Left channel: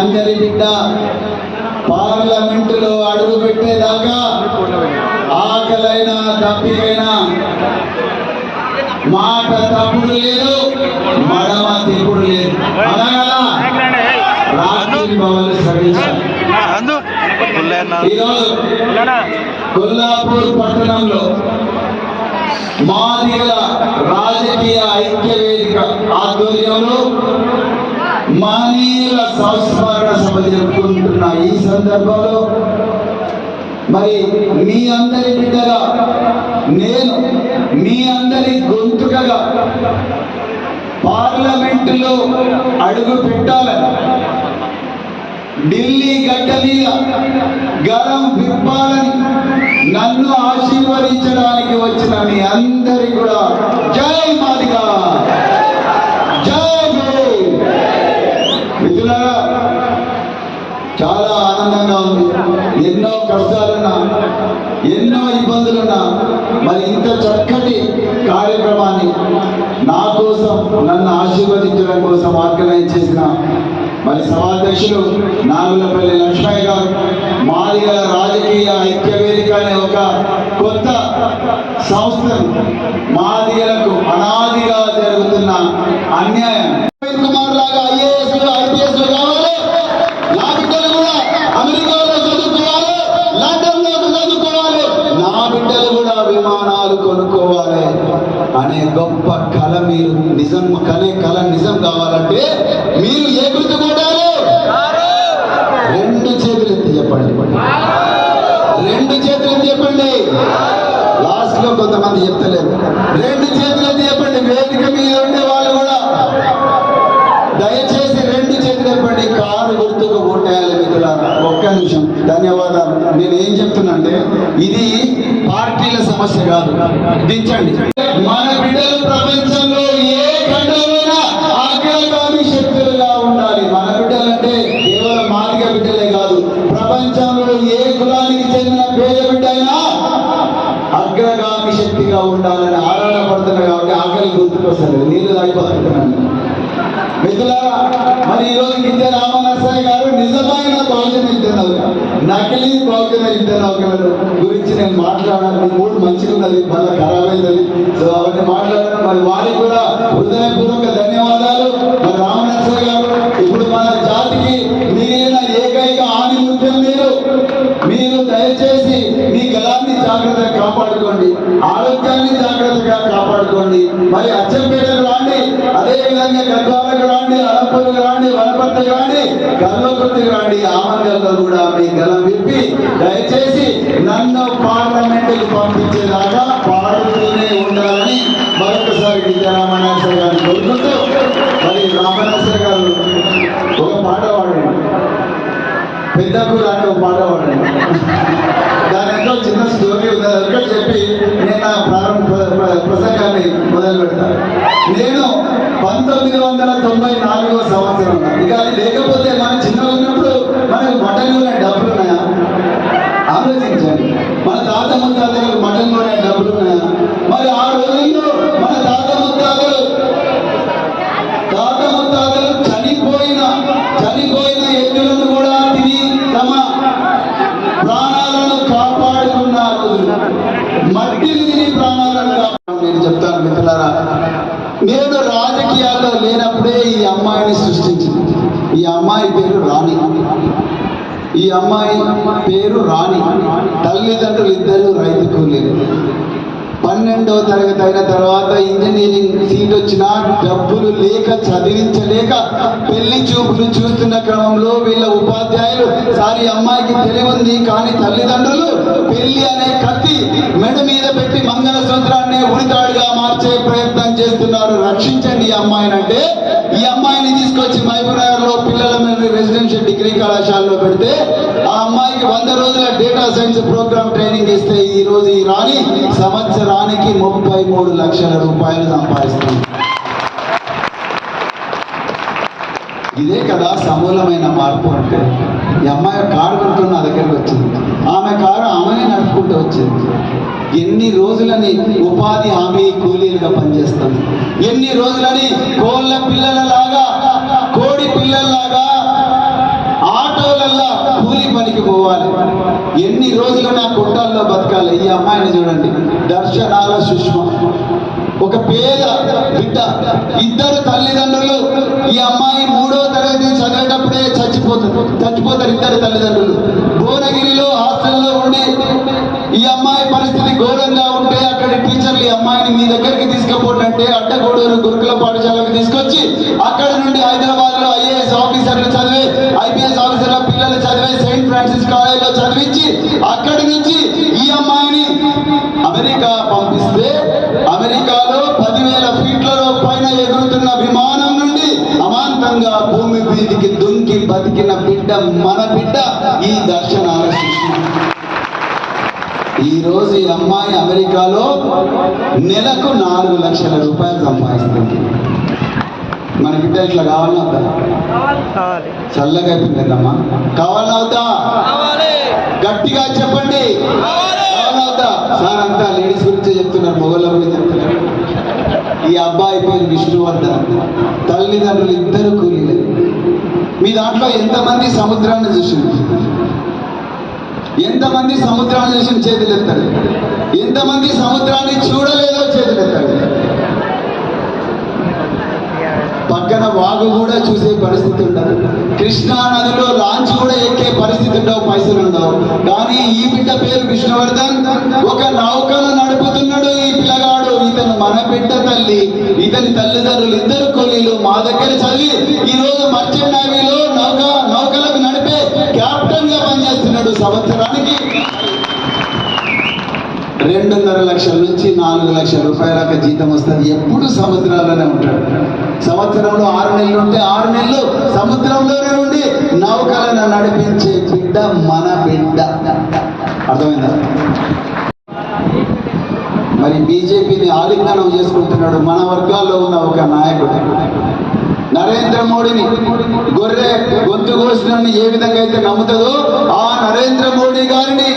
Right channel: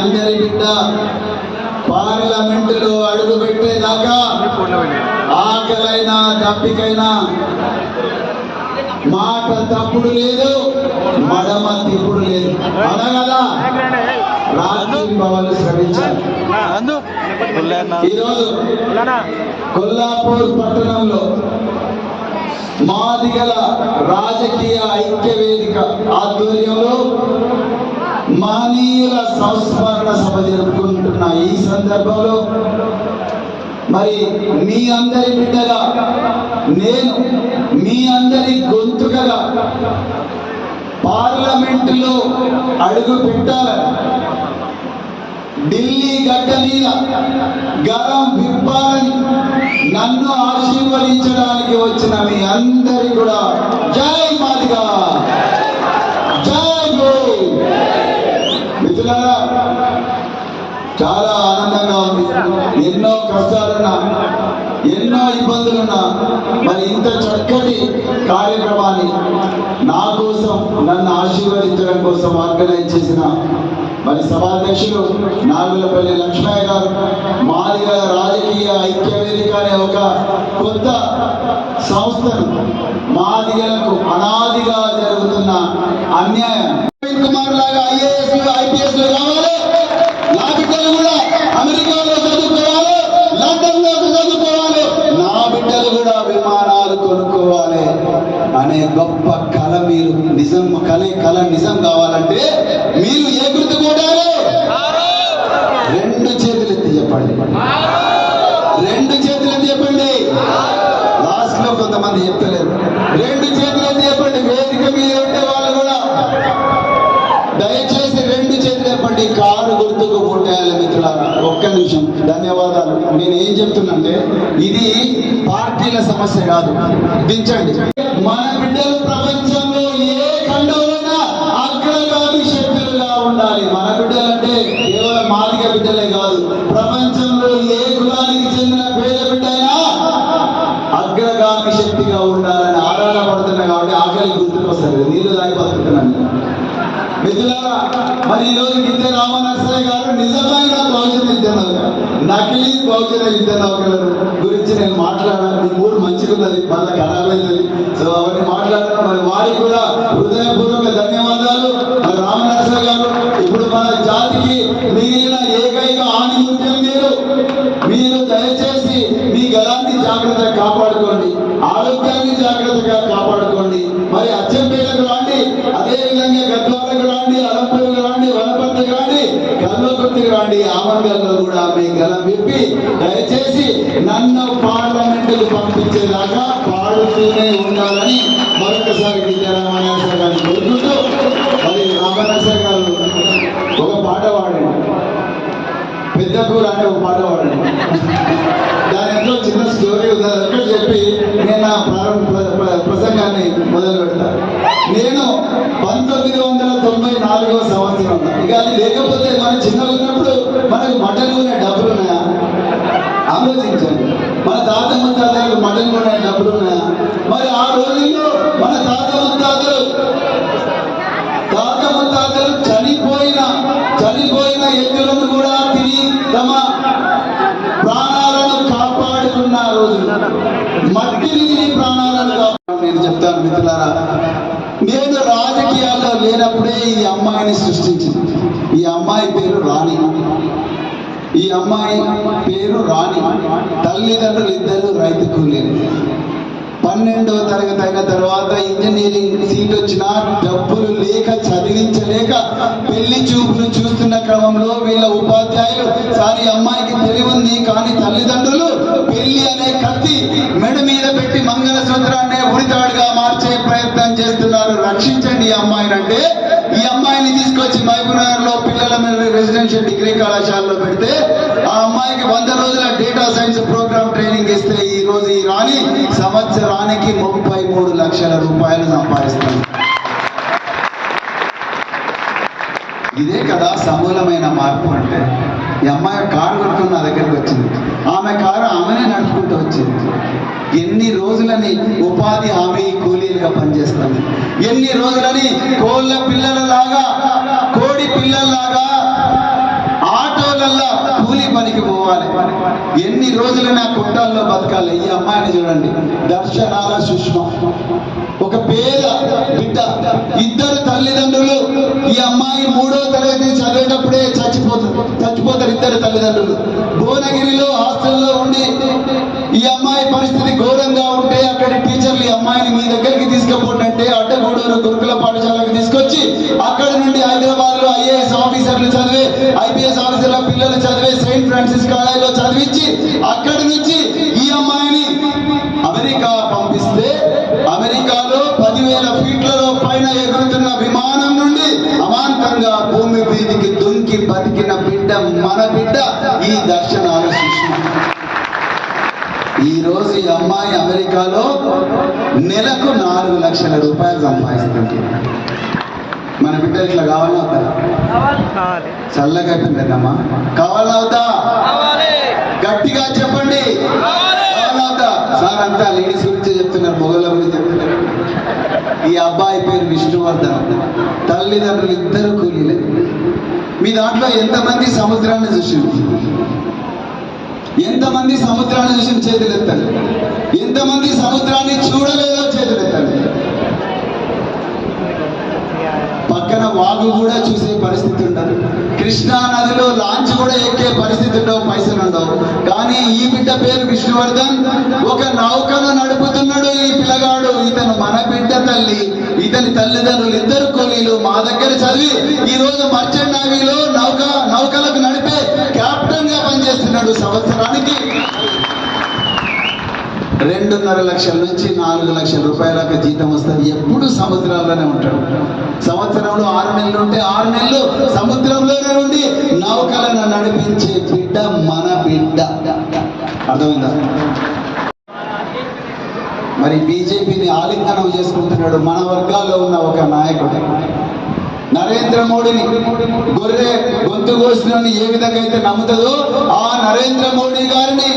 అందరి బిడ్డ పార్లమెంటులో అడుగు పెట్టేదాకా ఆకలైనా తప్పికైనా మాట తప్పుడు లేదు, మడమ తిప్పుడు లేదు. అనగల రాత్రి భవన్లు శ్రమించాలి. ఈరోజు కొల్లాపూర్ పట్టణంలో మాదిగల రాజకీయ ఐక్య వేదిక ఆధ్వర్యంలో మహనీయుల సంస్మరణ సభ జరుపుకుంటున్న ఈ సందర్భంలో మరి మీ అందరి బిడ్డగా నేను మీ అందరి గొంతుకగా పార్లమెంటులో అడుగు పెట్టాలని, ఢిల్లీ గడ్డ మీద గరం విప్పాలని నన్ను ఆశీర్వదించడానికి వచ్చిన మీ అందరి కూడా జై మాదిగా, జై జై. మిత్రులారా, చాలా ఆనందంగా ఉంది. ఎన్నో కష్టాలున్నా, ఎన్నో ఇబ్బందులున్నా మరి ఇంత చక్కటి కార్యక్రమాన్ని నా కోసం, నన్ను ఆశీర్వదించడం కోసం ఆర్గనైజ్ చేసిన మరి సభాధ్యక్షులు నాగులపల్లి లక్ష్మయ్య గారు, మాదిగల రాజకీయ ఐక్య వేదిక అనే ఒక కొత్త సంస్థను మాదిగలకు అనాదిగా జరుగుతున్న అన్యాయం లాగా IAS కావాలి, నా బిడ్డలు కూడా అమెరికాలో చదువుకోవాలి, లండన్ లో చదువుకోవాలి, నా బిడ్డలు కూడా విమానాలు కొనుక్కోవాలి అనే గొప్ప కళ మీరు నిజం కళ నిజం కావాలంటే మీరు ఏ గుర్తు కొట్టాలి? రెండు చేతులు ఎత్తి చెప్పండి, రెండు చేతులు ఎత్తి చెప్పండి. లాస్ట్ లో కొంతమంది చెప్తలేదు. రెండు చేతులు ఎత్తి చెప్పండి. వేదిక మీద ఉండే వాళ్ళు కూడా దయచేసి రెండు చేతులు చెప్పండి. కారు గుర్తుకు కొట్టేయాలి. మిత్రులారా, ఒక్క నిమిషం. ధన్యవాదాలు. నేను ఏం చెప్తున్నంటే ఇది పార్టీల సమస్య కాదు. దించండి. మన బిడ్డలు ప్రపంచంలో ఏ ఖండంలోనా అగ్రగామి శక్తులుగా ఉండాలి. మన బిడ్డలంటే కేవలం మాదిగ బిడ్డలే కాదు, ప్రపంచంలో ఏ కులానికి చెందిన పేద బిడ్డ అయినా అగ్రగామి శక్తిగా ఉండాలని ఆరాధన పడుతున్నాయి. కాబట్టి ఆకలి గుర్తుకొస్తుంది. నీళ్ళు తాగిపోతున్నాను. మిత్రులారా, మరి ఈరోజు గిద్దె రామనరసయ్య గారు నిజమైన బహుజన విద్యార్థులు, నకిలీ బహుజన విద్యార్థుల గురించి నేను మాట్లాడాను. మీ మూడు మంచిగా ఉన్నది, మళ్ళీ ఖరాబ్ అవుతుంది. సో అవన్నీ మాట్లాడాను. మరి వారికి కూడా హృదయపూర్వక ధన్యవాదాలు. మరి రామనరసయ్య గారు, ఇప్పుడు మన జాతికి మిగిలిన ఏకైక ఆణిముత్యం మీరు దయచేసి మీ గలాన్ని జాగ్రత్తగా కాపాడుకోండి, ఆరోగ్యాన్ని జాగ్రత్తగా కాపాడుకోండి. మరి అచ్చంపేటకు రాండి, అదేవిధంగా గద్వాలకు రాండి, అలంపూరుకు రాండి, వనపర్తికి రాండి, గల్వకుర్తికి రాండి. ఆమంగల్లో కూడా మీ గలం విప్పి దయచేసి నన్ను పార్లమెంటుకు పంపించేదాకా పాడుతూనే ఉండాలని మరొకసారి విద్యా రామనాథ్ గారు కోరుకుంటూ, మరి రామనాథ్ గారు ఒక పాట పాడండి, పెద్దకు రాని ఒక పాట పాడండి. దాని ఎంతో చిన్న స్టోరీ ఒకటి చెప్పి నేను నా ప్రసంగాన్ని మొదలు పెడతాను. నేను 1994వ సంవత్సరం, ఇక అది లేకపోతే మన చిన్న ఉన్నప్పుడు మనకు మటన్ ఉన్న డబ్బులు ఉన్నాయా? ఆలోచించండి. మన తాత ముత్తాతలకు మటన్ ఉన్న డబ్బులు ఉన్నాయా? మరి ఆ రోజుల్లో మన తాత ముత్తాతలు చనిపోయిన ఎద్దులను కూడా తిని తమ ప్రాణాలను కాపాడుకున్న రోజులు, మట్టిని తిని ప్రాణాలను నేను చెప్తాను. మిత్రులారా, నేను రాజకీయాల్లో లేనప్పుడే ఈ అమ్మాయిని సృష్టించింది. ఈ అమ్మాయి పేరు రాణి. ఈ అమ్మాయి పేరు రాణి. తల్లిదండ్రులు ఇద్దరు రైతు కూలీలు. 12వ తరగతి అయిన తర్వాత ఇంజనీరింగ్ సీట్ వచ్చినా డబ్బులు లేక చదివించలేక పెళ్లి చూపులు చూస్తున్న క్రమంలో వీళ్ళ ఉపాధ్యాయులు, సారి అమ్మాయికి తెలివి ఉంది కానీ తల్లిదండ్రులు పెళ్లి అనే కత్తి మెడ మీద పెట్టి మంగళసూత్రాన్ని ఉరితాడుగా మార్చే ప్రయత్నం చేస్తున్నారు. రక్షించండి ఈ అమ్మాయిని అంటే, ఈ అమ్మాయిని తీసుకొచ్చి మహబూబ్నగర్ లో పిల్లల రెసిడెన్షియల్ డిగ్రీ కళాశాలలో పెడితే ఆ అమ్మాయికి 100 రోజుల డేటా సైన్స్ ప్రోగ్రామ్ ట్రైనింగ్ ఇస్తే ఈ రోజు ఈ రాణి సంవత్సరానికి 33 లక్షల రూపాయలు సంపాదిస్తుంది. ఇదే కదా సమూలమైన మార్పు అంటే. ఈ అమ్మాయి కారు కొనుక్కుని నా దగ్గరకు వచ్చింది. ఆమె కారు ఆమెనే నడుపుకుంటూ వచ్చింది. ఎన్ని రోజులని ఉపాధి హామీ కూలీలుగా పనిచేస్తాను, ఎన్ని రోజులని కోళ్ళ పిల్లలలాగా, కోడి పిల్లల్లాగా పనికి పోవాలి, ఎన్ని రోజులని ఆ కుట్టాల్లో బతకాలి. ఈ అమ్మాయిని చూడండి, దర్శనాల సుష్మ, ఒక పేద బిడ్డ, ఇద్దరు తల్లిదండ్రులు. ఈ అమ్మాయి 3వ తరగతి చదివేటప్పుడే చచ్చిపోతారు ఇద్దరు తల్లిదండ్రులు. భువనగిరిలో హాస్టల్లో ఉండి ఈ అమ్మాయి పరిస్థితి ఘోరంగా ఉంటే అక్కడి టీచర్లు ఈ అమ్మాయిని మీ దగ్గరికి తీసుకుపోతుంటే అడ్డగూడూరు గురుకుల పాఠశాలకు తీసుకొచ్చి అక్కడ నుండి హైదరాబాద్ లో ఐఏఎస్ ఆఫీసర్లు చదివే, ఐపీఎస్ ఆఫీసర్ల పిల్లలు చదివే సెయింట్ ఫ్రాన్సిస్ కాలేజ్ లో చదివించి అక్కడి నుంచి ఈ అమ్మాయిని అమెరికా పంపిస్తే అమెరికాలో 10,000 ఫీట్లలో పైన ఎగురుతున్న విమానం నుండి అమాంతంగా భూమి మీదికి దుంకి బతికిన బిడ్డ, మన బిడ్డ ఈ దర్శనాల శిక్షణ. ఈ రోజు ఈ అమ్మాయి అమెరికాలో నెలకు 4 లక్షల రూపాయలు సంపాదిస్తుంది. మన బిడ్డ ఇట్లా కావాలన్నా అవుతా? చల్లగా అయిపోయిందమ్మా, కావాలన్నా అవుతా? గట్టిగా చెప్పండి, అవుతా? సార్ అంతా లేడీస్ గురించే చెప్తున్నారు, మొగల గురించి చెప్తున్నారు. ఈ అబ్బాయి పేరు విష్ణువర్ధన్, తల్లిదండ్రులు ఇద్దరు కూలీలే. మీ దాంట్లో ఎంతమంది సముద్రాన్ని చూసింది? ఎంతమంది సముద్రాన్ని చూసిన చేతులు ఎత్తాడు? ఎంతమంది సముద్రాన్ని చూడలేదో చేతులు ఎత్తాడు? పక్కన వాగు కూడా చూసే పరిస్థితి ఉండదు, కృష్ణా నదిలో లాంచ్ కూడా ఎక్కే పరిస్థితి ఉండవు, పైసలు ఉండవు. కానీ ఈ బిడ్డ పేరు విష్ణువర్ధన్, ఒక నౌకను నడుపుతున్నాడు ఈ పిల్లగాడు. ఇతను మన బిడ్డ తల్లి, ఇతని తల్లిదండ్రులు ఇద్దరు కూలీలు, మా దగ్గర చదివి ఈ రోజు మర్చెంట్ నేవీలో నౌకలకు నడిపే కెప్టెన్ గా పనిచేస్తున్నాడు. సంవత్సరానికి 2.5 లక్షల నుంచి 4 లక్షల రూపాయల జీతం వస్తుంది. ఎప్పుడు సముద్రాల్లోనే ఉంటాడు. సంవత్సరంలో 6 నెలలు ఉంటే 6 నెలలు సముద్రంలోనే ఉండి నౌకలను నడిపించే బిడ్డ మన బిడ్డ. అర్థమైందా? మరి బీజేపీని ఆలింగనం చేసుకుంటున్నాడు మన వర్గాల్లో ఉన్న ఒక నాయకుడు. నరేంద్ర మోడీని గొర్రె గొంతు కోసిన ఏ విధంగా అయితే నమ్ముతుందో ఆ నరేంద్ర మోడీ గారిని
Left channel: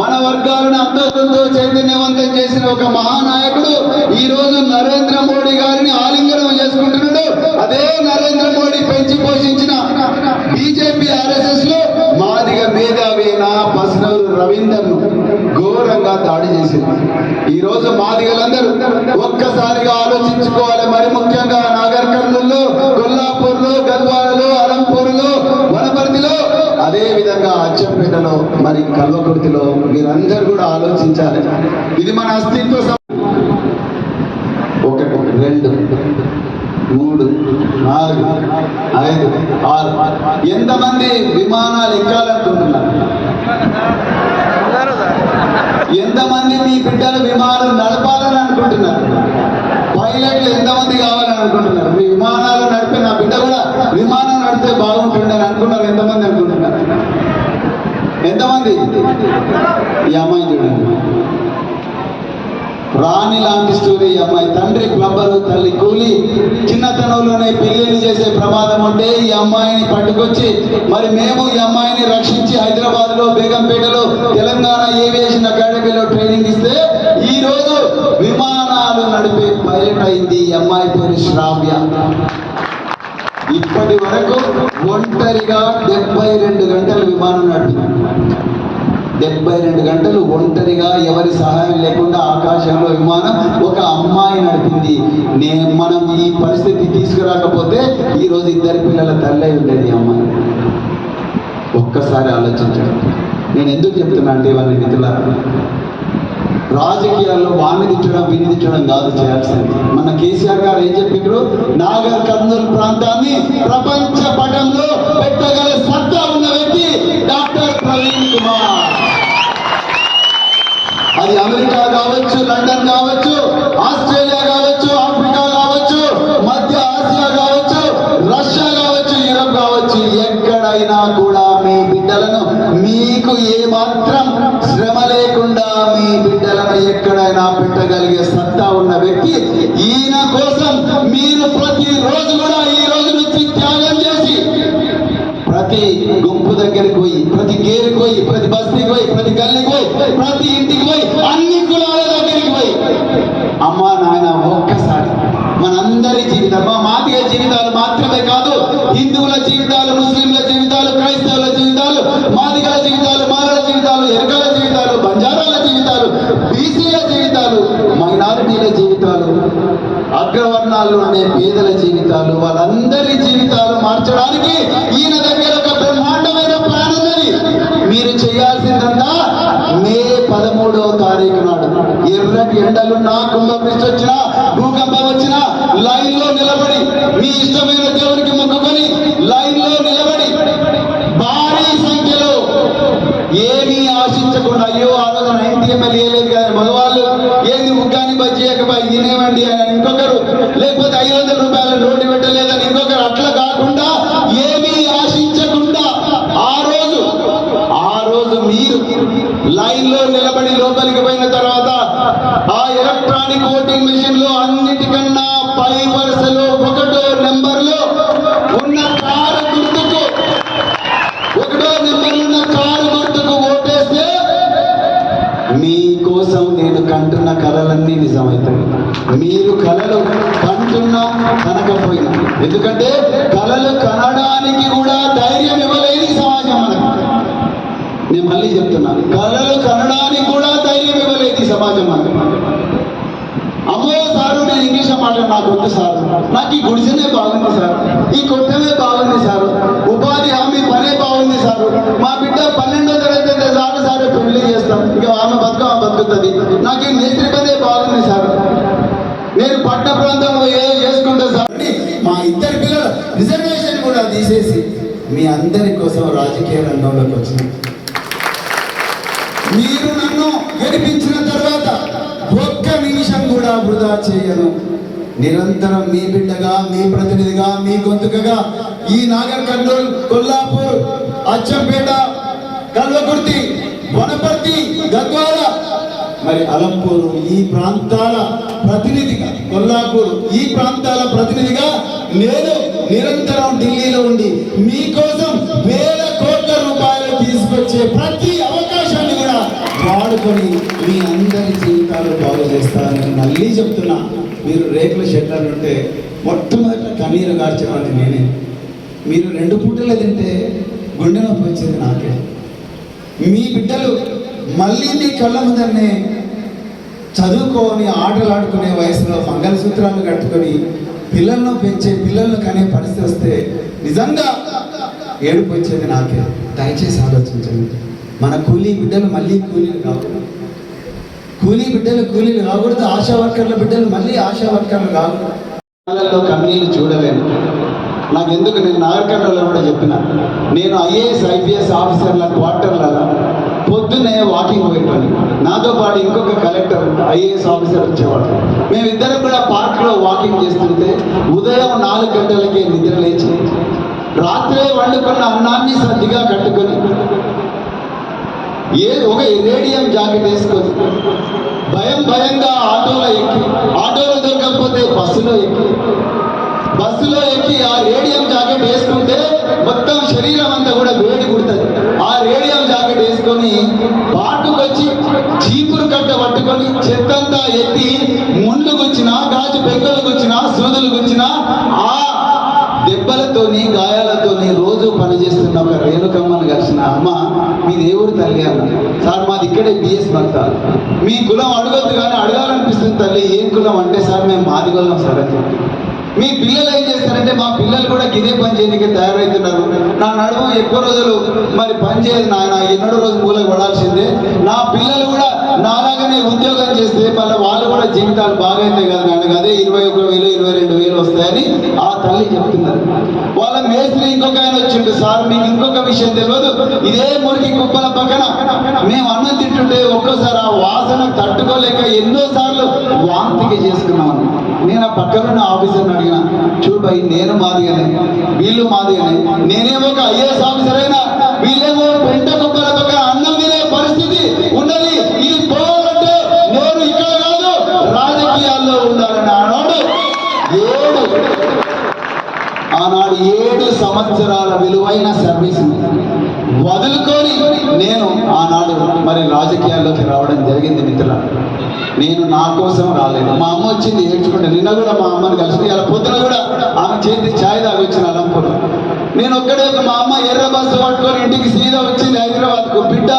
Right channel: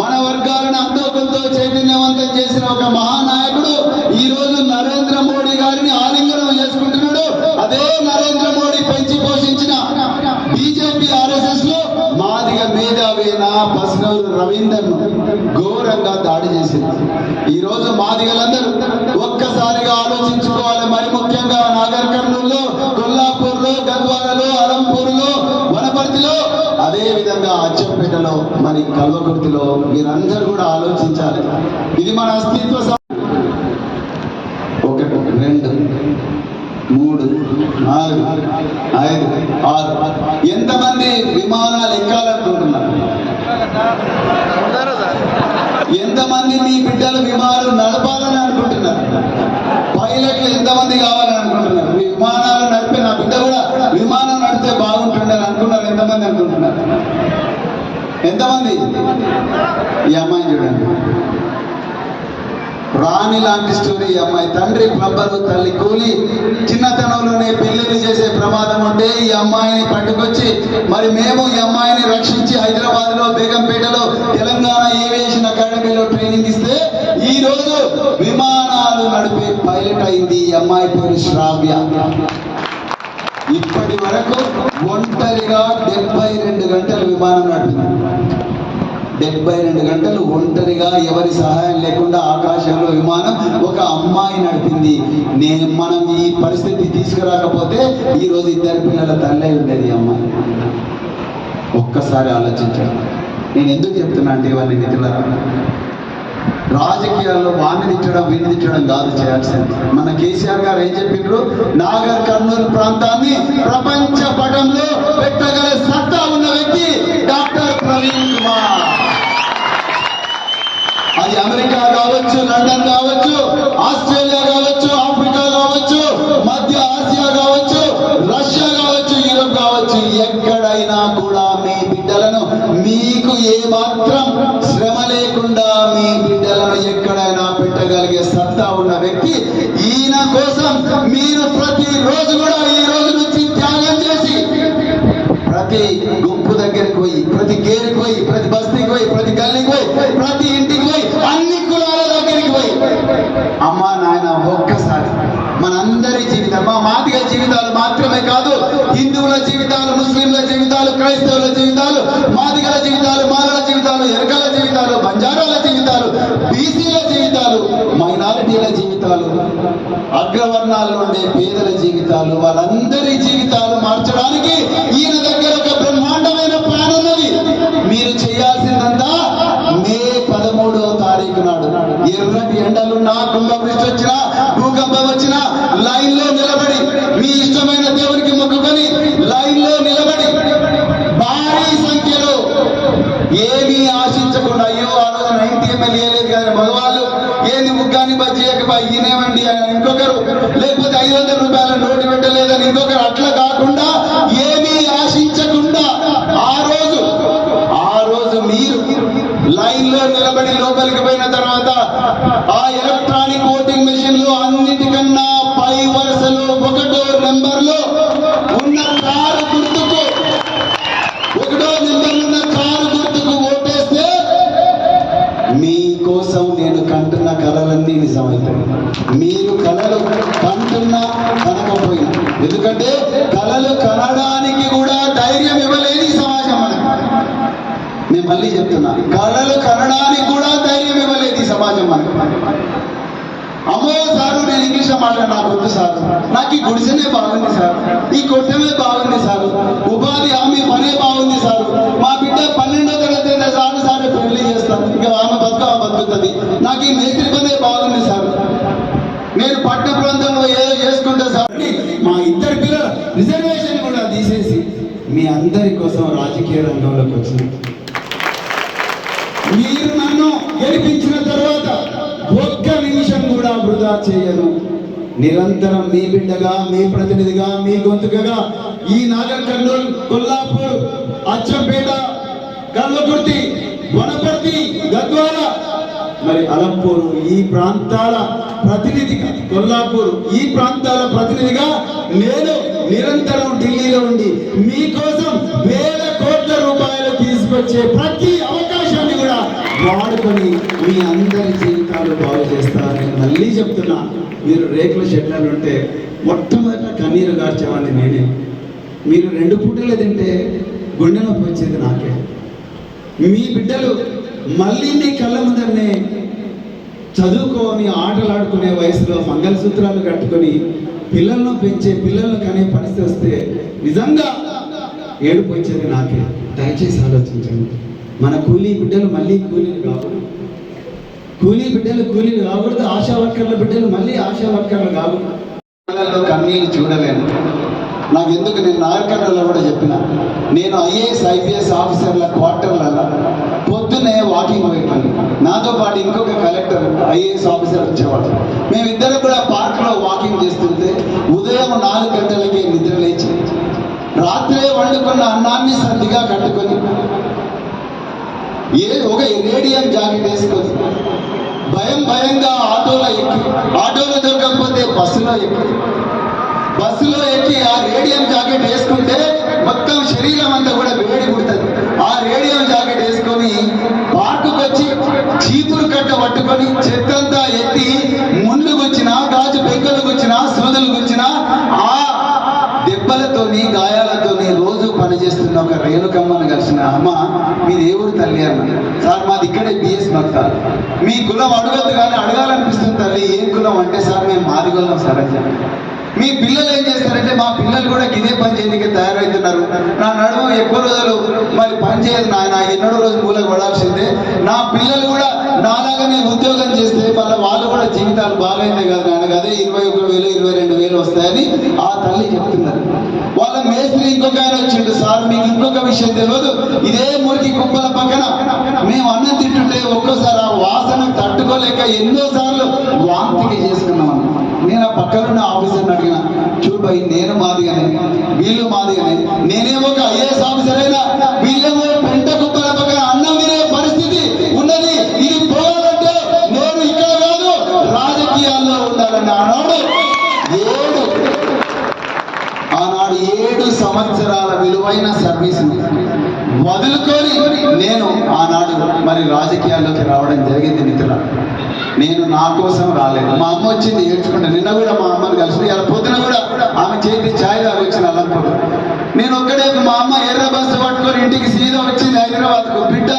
మన వర్గాలను అంతో కొంత చైతన్యవంతం చేసిన ఒక మహానాయకుడు ఈ రోజు నరేంద్ర మోడీ గారిని ఆలింగనం చేసుకుంటున్నాడు. అదే నరేంద్ర మోడీ పెంచి పోషించిన బీజేపీ ఆర్ఎస్ఎస్ లో మాదిగ మేధావైన పసనలు రవీందర్ ఘోరంగా దాడి చేసింది. ఈ రోజు మాదిగలందరూ ఒక్కసారిగా ఆలోచించుకోవాలి. మరి ముఖ్యంగా నాగర్ కర్నూలులో, కొల్లాపూర్లో, గద్వాలలో, అలంపూర్లో, వనపర్తిలో, అదే విధంగా అచ్చంపేటలో, మరి కల్వకుర్తిలో మీరందరూ కూడా ఆలోచించాలి. ఇది మన అస్తిత్వ. 1 2 3 4 5 6 ఎంతమంది విమానాలు ఎక్కాలనుకుంటున్నారు? ఎంతమంది మీ బిడ్డలు విమానాలు నడపాలని అనుకుంటున్నారు? పైలట్లు ఎంతమంది కావాలని అనుకుంటున్నారు? మీ విమానాలు నడిపి నా బిడ్డ కూడా విమానం నడిపితే బాగుంటుండే అని అనుకున్నారు. ఎంతమంది అనుకుంటున్నారు? ఎంతమంది? ఈ అమ్మాయి చూడండి, రాణి లాంటి స్టోరీ. ఈ అమ్మాయి తండ్రి ప్లంబరు, తల్లి కూలి. చిన్నతనంలోనే పెళ్లిళ్ళు చేసే ప్రమాదం ఉంటే ఈ అమ్మాయిని పట్టుకొచ్చి మరి మేము ఈ అమ్మాయిని రక్షించి హైదరాబాద్ లో, బేగంపేటలో తెలంగాణ ఏవియేషన్ అకాడమీలో ట్రైనింగ్ ఇస్తే ఈ రోజు విమానాలు నడిపే పైలట్ అయింది. ఈ అమ్మాయి పేరు శ్రావ్య. ఇప్పటి వరకు ఒంటరిగా 72 గంటలు విమానం నడిపింది. 72 గంటలు ఒంటరిగా, ఎవరి సహాయం లేకుండా ఆకాశంలో విమానం ఒక అమ్మాయి నడిపింది. మనం ఈ పరిస్థితి తీసుకురాకపోతే ఈ రోజు 2 పిల్లల తల్లే ఉండేది అమ్మాయి. ఒక్కసారి ఆలోచించండి. నేను ఎందుకు చెప్తున్నా అంటే ఇవన్నీ మిత్రులారా, రాజకీయాల్లో వాణ్ణి తిట్టడం వీణ్ణి తిట్టడం కాదు చేయాల్సింది. మన కేసీఆర్ గారు ఏం చెప్పిండ్రు? నాగర్ కర్నూలు ప్రాంతాన్ని ప్రపంచ పటంలో పెట్టగల సత్తా ఉన్న వ్యక్తి డాక్టర్ ప్రవీణ్ కుమార్. అది అమెరికా కావచ్చు, లండన్ కావచ్చు, ఆస్ట్రేలియా కావచ్చు, ఆఫ్రికా కావచ్చు, మధ్య ఆసియా కావచ్చు, రష్యా కావచ్చు, యూరప్ కావచ్చు, ఎక్కడైనా కూడా మీ బిడ్డలను మీకు ఏమాత్రం శ్రమ లేకుండా మీ బిడ్డలను ఎక్కడైనా పెట్టగలిగే సత్తా ఉన్న వ్యక్తి ఈయన. కోసం మీరు ప్రతి రోజు కూడా ఈ రోజు నుంచి త్యాగం చేసి ఏంది ముగ్గాని బజ్జీయక ఈనేవండి అని ఇంకొకరు, లేకపోతే 500 రూపాయల నోటు పెట్టలేదని ఇంకొకరు. అట్లా కాకుండా ఏమీ ఆశించకుండా ఆ రోజు మీరు లైన్ లో నిలబడి లోపలికి పోయిన తర్వాత ఆ ఎలక్ట్రానిక్ ఓటింగ్ మెషిన్ లో అన్నిటికన్నా పై వరుసలో 1వ నెంబర్లో ఉన్న కారు గుర్తుకు ఓటేస్తే మీకోసం నేను కంటున్న కలలన్నీ నిజమవుతాయి. మీరు కలలు కంటున్నా కనకపోయినా, ఎందుకంటే కలలు కనడానికి కూడా ధైర్యం ఇవ్వలేని సమాజం మనకు. నేను మళ్ళీ చెప్తున్నా, కలలు కనడానికి కూడా ధైర్యం ఇవ్వలేదు ఈ సమాజం మనకు. అమ్మో సారు నేను ఇంగ్లీష్ మాట్లాడ నాకు వద్దు సార్, నాకు ఈ గుడిసెనే బాగుంది సార్, ఈ కొట్టమే బాగుంది సార్, ఉపాధి హామీ పనే బాగుంది సార్, మా బిడ్డ 12వ తరగతి సార్ పెళ్లి చేస్తాను, ఇంకా ఆమె బతుకుతుంది, నాకు ఈ మేస్త్రి పనే బాగుంది సార్, నేను పట్టణ ప్రాంతంలో ఏదో చేసుకుంటా సార్. మా ఇద్దరు పిల్లల రిజర్వేషన్ కూడా తీసేసి మీ అందరి కోసం రాజకీయ రంగంలోకి వచ్చిన మీరు నన్ను గెలిపించిన తర్వాత ఒక్క నిమిషం కూడా వృధా చేయను. నిరంతరం మీ బిడ్డగా, మీ ప్రతినిధిగా, మీ గొంతుకగా ఈ నాగర్ కర్నూలు, కొల్లాపూర్, అచ్చంపేట, కల్వకుర్తి, వనపర్తి, గద్వాల, మరి అలంపూరు ఈ ప్రాంతాల ప్రతినిధిగా, కొల్లాపూర్ ఈ ప్రాంతాల ప్రతినిధిగా నేను నిరంతరం ఢిల్లీలో ఉండి మీకోసం వేల కోట్ల రూపాయలు తీసుకొచ్చే ప్రతి అవకాశాన్ని కూడా వాడుకొని మీ అందరి జీవితాలు బాగు చేస్తారని మళ్ళీ చెప్తున్నా. మీరు రేకుల షెడ్లను ఉంటే మొట్టమొదట కన్నీరు గార్చేవాడిని నేనే. మీరు 2 పూటలు తింటే గుండె నొప్పి వచ్చేది నాకే. మీ బిడ్డలు మళ్ళీ మీ కళ్ళ ముందరనే చదువుకొని ఆటలాడుకునే వయసులో మంగళసూత్రాలు కట్టుకొని పిల్లలను పెంచే, పిల్లలను కనే పరిస్థితి వస్తే నిజంగా ఏడుపు వచ్చేది నాకే. దయచేసి ఆలోచించండి. మన కూలీ బిడ్డలు మళ్ళీ కూలీలు కాకూడదు, కూలీ బిడ్డలు కూలీలు కాకూడదు, ఆశా వర్కర్ల బిడ్డలు మళ్ళీ ఆశా వర్కర్లు కాకూడదు. కన్నీళ్ళు చూడలేను. నాకు ఎందుకు, నేను నాగరికర్ణలో కూడా చెప్పిన, నేను IAS IPS ఆఫీసర్ల క్వార్టర్లలో పొద్దునే వాకింగ్ పోయేవాడిని. నాతో పాటు ఇంకొక కలెక్టర్ IAS ఆఫీసర్ వచ్చేవాడు. మేమిద్దరం కూడా పార్క్లో వాకింగ్ చేస్తుంటే ఉదయం 4 గంటలకే నిద్ర లేచి రాత్రే వండుకున్న అన్నాన్ని సర్దిగా కట్టుకొని ఒక రేడియం జాకెట్ వేసుకొని భయంగా ఆటోలో దొరకకపోతే బస్సులో ఎక్కి ఆ రేడియం జాకెట్ వేసుకుంటే మొత్తం శరీరం అంతా కూడా వేడి కుడుతుంది. ఆ రేడియం జాకెట్ వేసుకొని పార్కుకు వచ్చి చీపురు కట్ట పట్టుకొని చెత్తంతా ఎత్తి ముందు గుచ్చినా, గాజు పెంకులు గుచ్చినా, సూదులు గుచ్చినా ఆ దెబ్బలతోని గాయాలతోని రోజు పనిచేస్తున్న ఒక రేణుకమ్మను కలిసిన, అమ్మ మీది ఏ ఊరు తల్లి అన్న. సార్ మాది ఇక్కడే BS మట్ట. మీ కులం అడగద్దు కానీ అడగాలనిపిస్తుంది తల్లి. ఏం కులం అంటే సార్ మేము మాదిగొల్లం సార్ అని చెప్పి. మీ పిల్లలు ఏం చేస్తారంటే మా పిల్లలు కూడా గిదే పని చేయడానికి తయారవుతున్నారు. నా నడుము ఎక్కువ రోజులు మరి పని చేయదు నాయన, ఎన్నడో రోజు మూలకు పడాల్సిందే. నా పిల్లలు కూడా నాలాగానే ఉద్యోగం చేస్తే మళ్ళీ వాళ్ళు కూడా జీవితాలు బాగైతే కదా నాయన, అదే 21,000 22,000 వస్తాయని ఆ తల్లి చెప్తున్నారు. వాళ్ళ మేస్త్రి ఇంకొక ఆయన వచ్చిండు, సార్ మీకు ఇంకొక విషయం తెలియదు, ఇదే మురికి కుప్పల పక్కన మేము అన్నం తింటుంటే ఒక్కోసారి ఆ వాసన తట్టుకోలేక ఎన్నోసార్లు వాంతికి చేసుకున్నాము. నేను ఆ పక్కనున్న ఆఫీసర్ని అడిగిన, చూడబాయి నేను మాదిగానే, వీళ్ళు మాదిగానే, నేనేమో ఒక IAS ఆఫీసర్ అయినా వీళ్ళేమో పెంట కుప్పల పక్కన అన్నం తినే పరిస్థితి ఉన్నది. ఇది పోవాలంటే నేను ఇక్కడ కాదు రాజకీయాల్లో ఉండాలని ఆనాడు 7 సంవత్సరాల విలువైన సర్వీస్ వదులుకొని నేను ఆనాడు మరి రాజకీయాల్లోకి రావడం జరిగింది. మిత్రుల, నేను నా కోసం రాలేదు. మా అమ్మ వచ్చింది ఏడ్చుకుంటే, నిన్న కూడా మా అమ్మని కలిసి ఇలా పొద్దున కూడా ఆమె చేతి ఛాయ్ తాగొచ్చిన అలంపూర్. నేను ఒక్కడే, మా అమ్మ ఎర్ర బస్సు పట్టుకొని ఇంటికి సీదా వచ్చింది హైదరాబాద్కు. బిడ్డ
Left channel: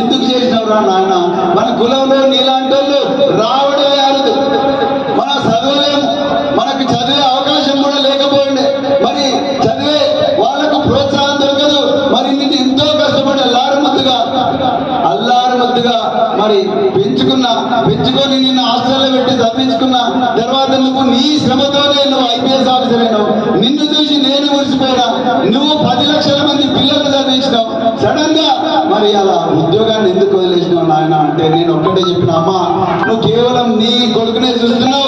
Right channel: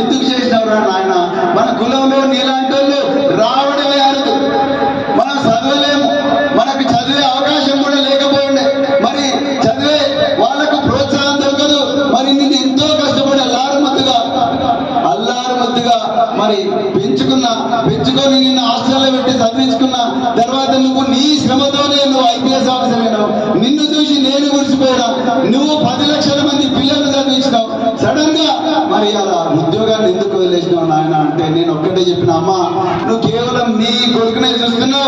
ఎందుకు చేసినవరా నాయన, మన కులంలో నీలాంటి వాళ్ళు రావడమే అనదు, మనం చదవలేము, మనకు చదివే అవకాశం కూడా లేకపోయిండే, మరి చదివే వాళ్ళకు ప్రోత్సాహం దొరకదు. మరి నిన్ను ఎంతో కష్టపడి అల్లారు ముద్దుగా మరి పెంచుకొని నిన్న హాస్టల్లో పెట్టి చదివించుకున్న తర్వాత నువ్వు నీ శ్రమతోనే నువ్వు IPS ఆఫీసర్ అయినావు. నిన్ను చూసి నేను మురిసిపోయినా. నువ్వు 10 లక్షల మంది పిల్లలు చదివించినావు. సడన్ గా మరి అలా ఉద్యోగాన్ని ఎందుకు వదిలేసినావు నాయన అంటే నేను ఒక్కటే చెప్పిన, అమ్మ నువ్వు కేవలం నీ కొడుకునే చూస్తున్నావు.